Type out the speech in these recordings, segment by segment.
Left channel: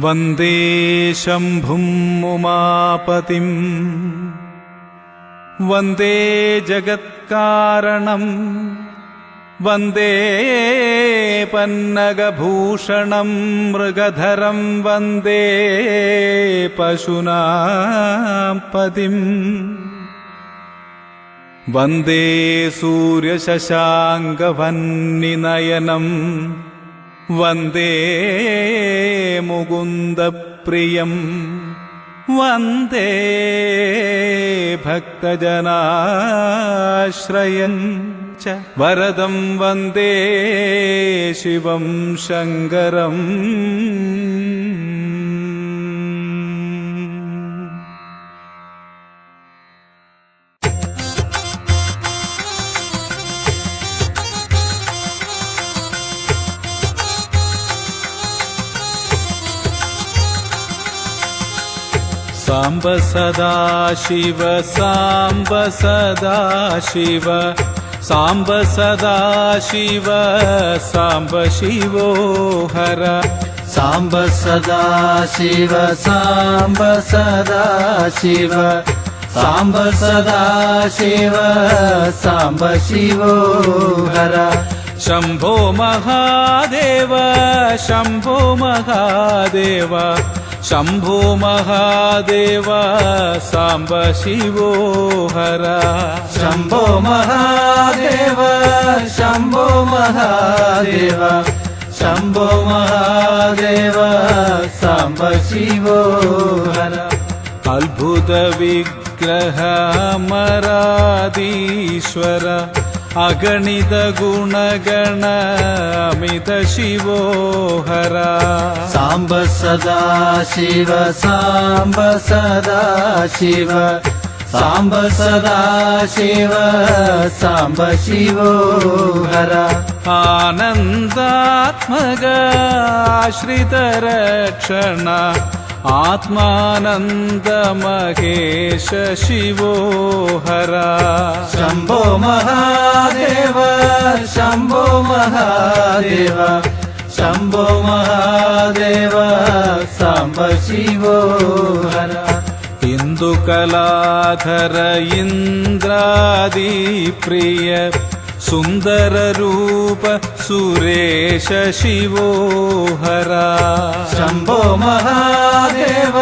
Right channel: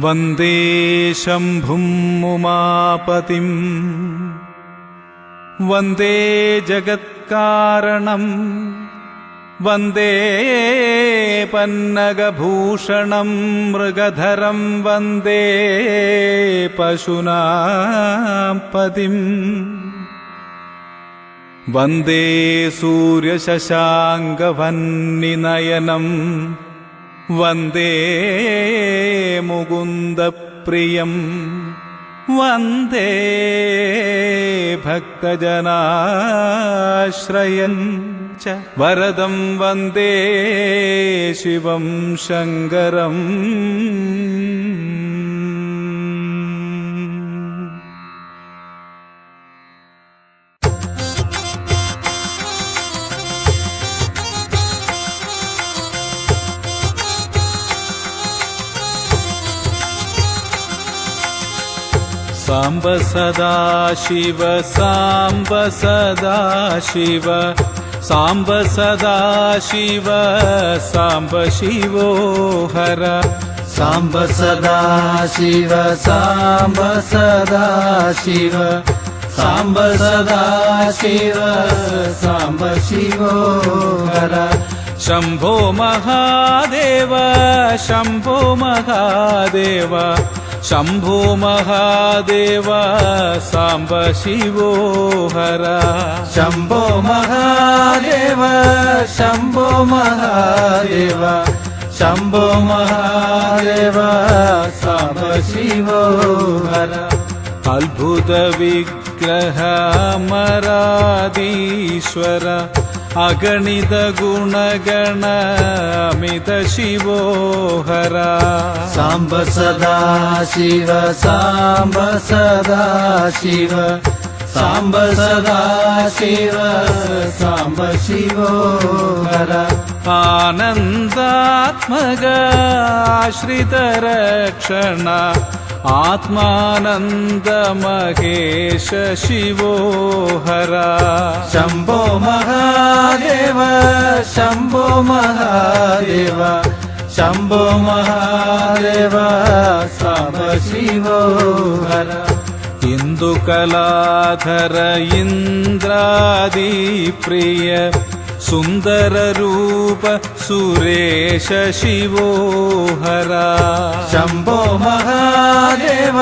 വന്ദേ ശംഭും ഉമാപതിം വന്ദേ ജഗത്കാരണം വന്ദേ പന്നഗഭൂഷണം മൃഗധരം വന്ദേ പശൂനാം പതിം വന്ദേ സൂര്യശശാങ്കവഹ്നിനയനം വന്ദേ മുകുന്ദപ്രിയം വന്ദേ ഭക്തജനാശ്രയം ച വരദം വന്ദേ ശിവം ശങ്കരം. സാംബ സദാശിവ സാംബ സദാശിവ സാംബ സദാശിവ സാംബ ശിവോ ഹര. സാംബ സദാശിവ സാംബ സദാശിവ സാംബ സദാശിവ സാംബ ശിവോ ഹര. ശംഭോ മഹാദേവ ശംഭോ മഹാദേവ ശംഭോ മഹാദേവ സാംബ ശിവോ ഹര. ശംഭോ മഹാദേവ ശംഭോ മഹാദേവ ശംഭോ മഹാദേവ സാംബ ശിവോ ഹര. അത്ഭുത വിഗ്രഹ അമരാധീശ്വര അഗണിത ഗുണഗണ അമിത ശിവോ ഹര. സാംബ സദാശിവ സാംബ സദാശിവ സാംബ സദാശിവ സാംബ ശിവോ ഹര. ആനന്ദാത്മക ആശ്രിതരക്ഷണ ആത്മാനന്ദ മഹേശ ശിവോ ഹര. ശംഭോ മഹാദേവ ശംഭോ മഹാദേവ ശംഭോ മഹാദേവ സാംബ ശിവോ ഹര. ഇന്ദുകലാധര ഇന്ദ്രാദിപ്രിയ സുന്ദരരൂപ സുരേശ ശിവോ ഹര. ശംഭോ മഹാദേവ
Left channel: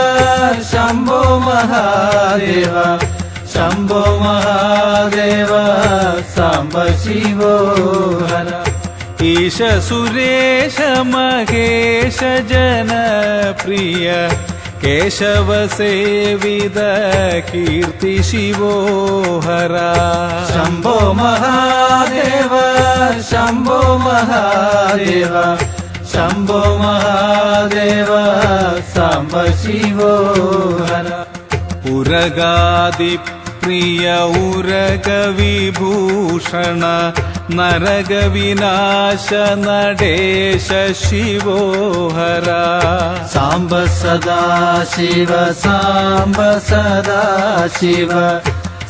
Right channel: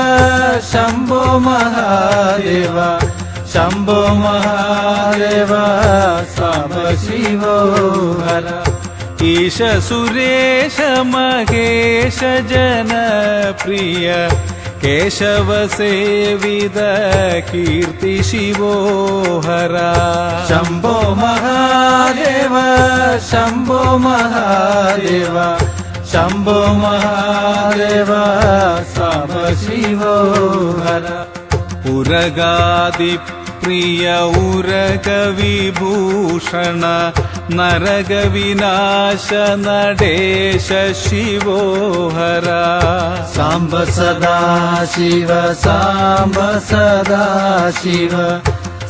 ശംഭോ മഹാദേവ ശംഭോ മഹാദേവ സാംബ ശിവോ ഹര. ഈശ സുരേശ മഹേശ ജനപ്രിയ കേശവ സേവിത കീർത്തി ശിവോ ഹര. ശംഭോ മഹാദേവ ശംഭോ മഹാദേവ ശംഭോ മഹാദേവ സാംബ ശിവോ ഹര. ഉരഗാദിപ്രിയ ഉരഗവിഭൂഷണ നരകവിനാശ നടേശ ശിവോ ഹര. സാംബ സദാശിവ സാംബ സദാശിവ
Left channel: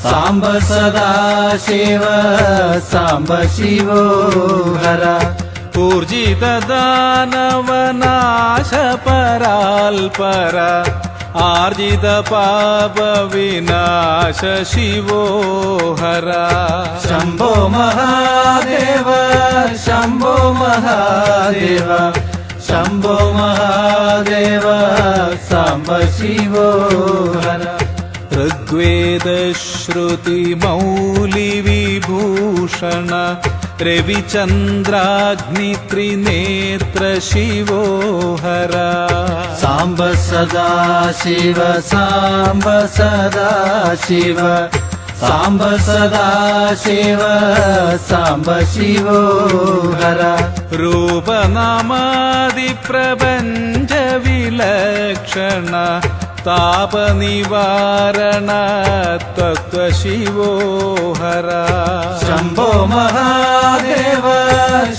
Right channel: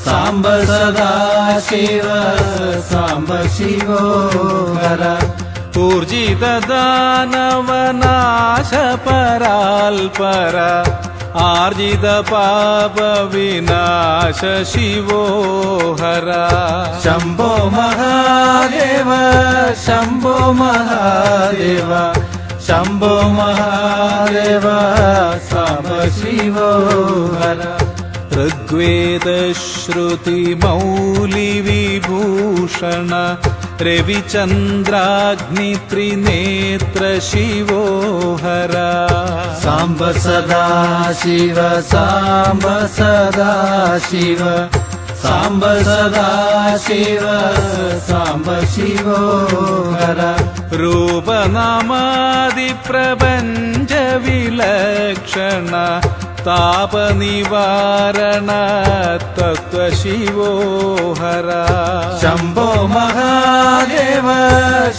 സാംബ സദാശിവ സാംബ ശിവോ ഹര. ഊർജിത ദാനവനാശ പരാൽപര ആർജിത പാപ വിനാശ ശിവോ ഹര. ശംഭോ മഹാദേവ ശംഭോ മഹാദേവ ശംഭോ മഹാദേവ സാംബ ശിവോ ഹര. ഋഗ്വേദ ശ്രുതി മൗലി വിഭൂഷണ രവിചന്ദ്രാഗ്നി ത്രിനേത്ര ശിവോ ഹര. സാംബ സദാശിവ സാംബ സദാശിവ സാംബ സദാശിവ സാംബ ശിവോ ഹര. രൂപനാമാദി പ്രപഞ്ച വിലക്ഷണ താപനിവാരണ തത്വ ശിവോ ഹര. ശംഭോ മഹാദേവ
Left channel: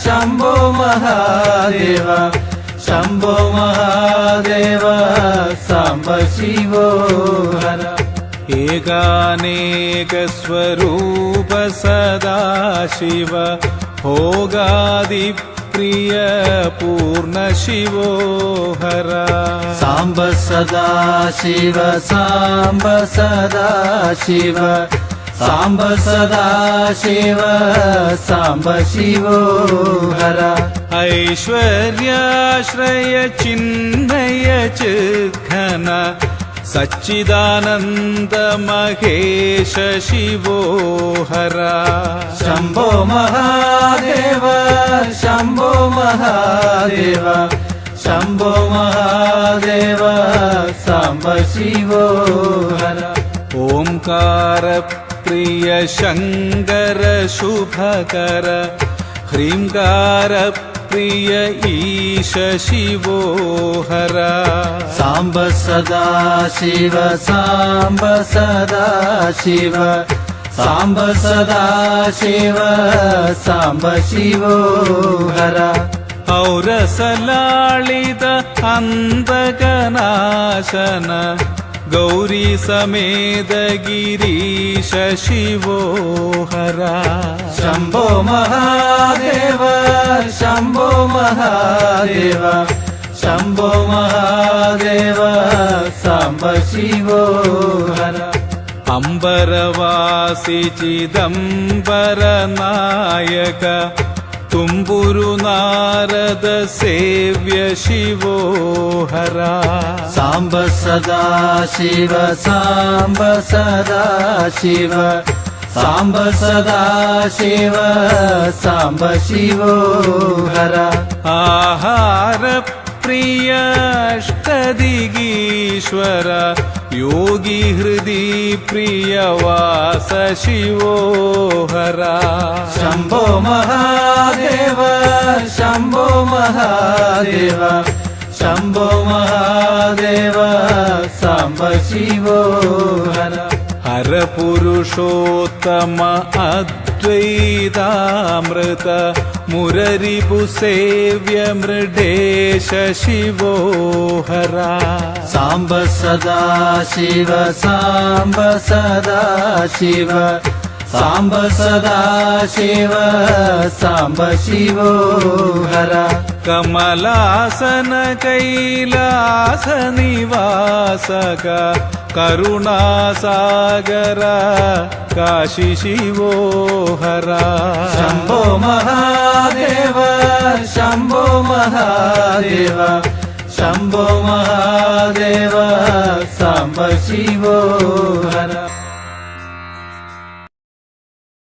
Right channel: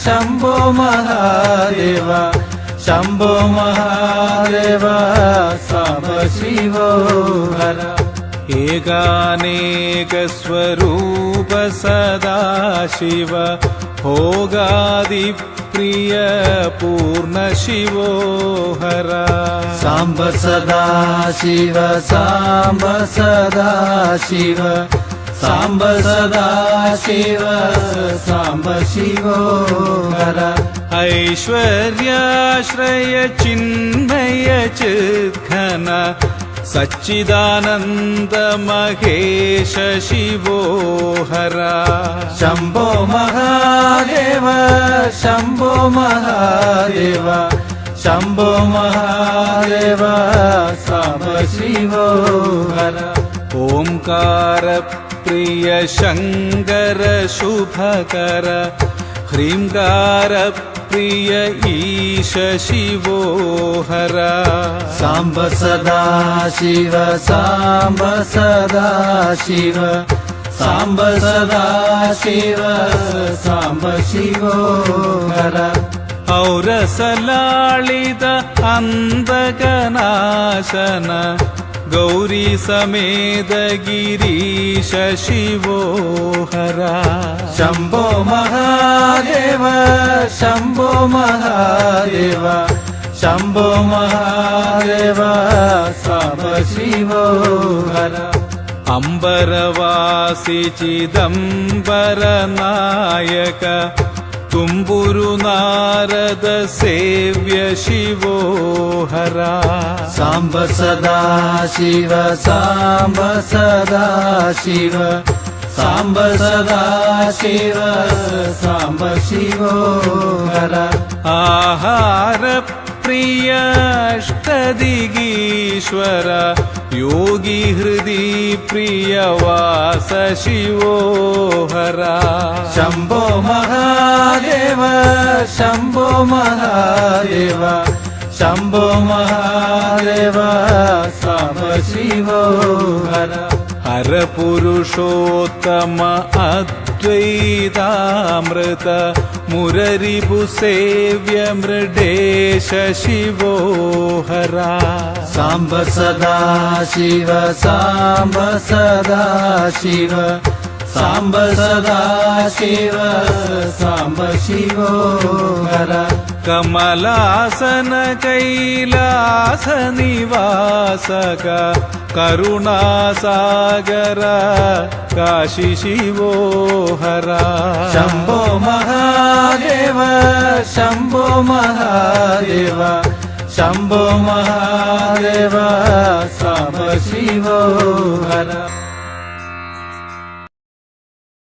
ശംഭോ മഹാദേവ ശംഭോ മഹാദേവ സാംബ ശിവോ ഹര. ഏകാനേക സ്വരൂപ സദാശിവ ഭോഗാദി प्रिय पूर्ण शिवो हर साम्ब सदा शिव साम्ब सदा शिव साम्ब सदा शिव साम्ब शिवो हर ऐश्वर्याश्रय चिन्मय चिद्घन सच्चिदानन्द महेश शिवो हर शम्भो महादेव शम्भो महादेव शम्भो महादेव साम्ब शिवो हर ओंकार प्रिय शङ्कर शुभकर ह्रीङ्कार प्रिय ईश शिवो हर साम्ब सदा शिव साम्ब सदा शिव साम्ब सदा शिव साम्ब शिवो हर औरसलाळित अन्तकनाशन गौरी समेत गिरीश शिवो हर शम्भो महादेव शम्भो महादेव शम्भो महादेव साम्ब शिवो हर अम्बरवासि चिदम्बर नायक तुम्बुरु नारद सेव्य शिवो हर साम्ब सदा शिव साम्ब सदा शिव साम्ब सदा शिव साम्ब शिवो हर आहार प्रिय अष्टदिगीश्वर योगी हृदि प्रिय वास शिवो हर शम्भो महादेव शम्भो महादेव शम्भो महादेव साम्ब शिवो हर हर पुरुषोत्तम अद्वैतामृत मुररिपु सेव्य मृडेश शिवो हर साम्ब सदा शिव साम्ब सदा शिव साम्ब सदा शिव साम्ब शिवो हर कमलासन कैलास निवासक करुणासागर काशी शिवो हर शम्भो महादेव शम्भो महादेव शम्भो महादेव साम्ब शिवो हर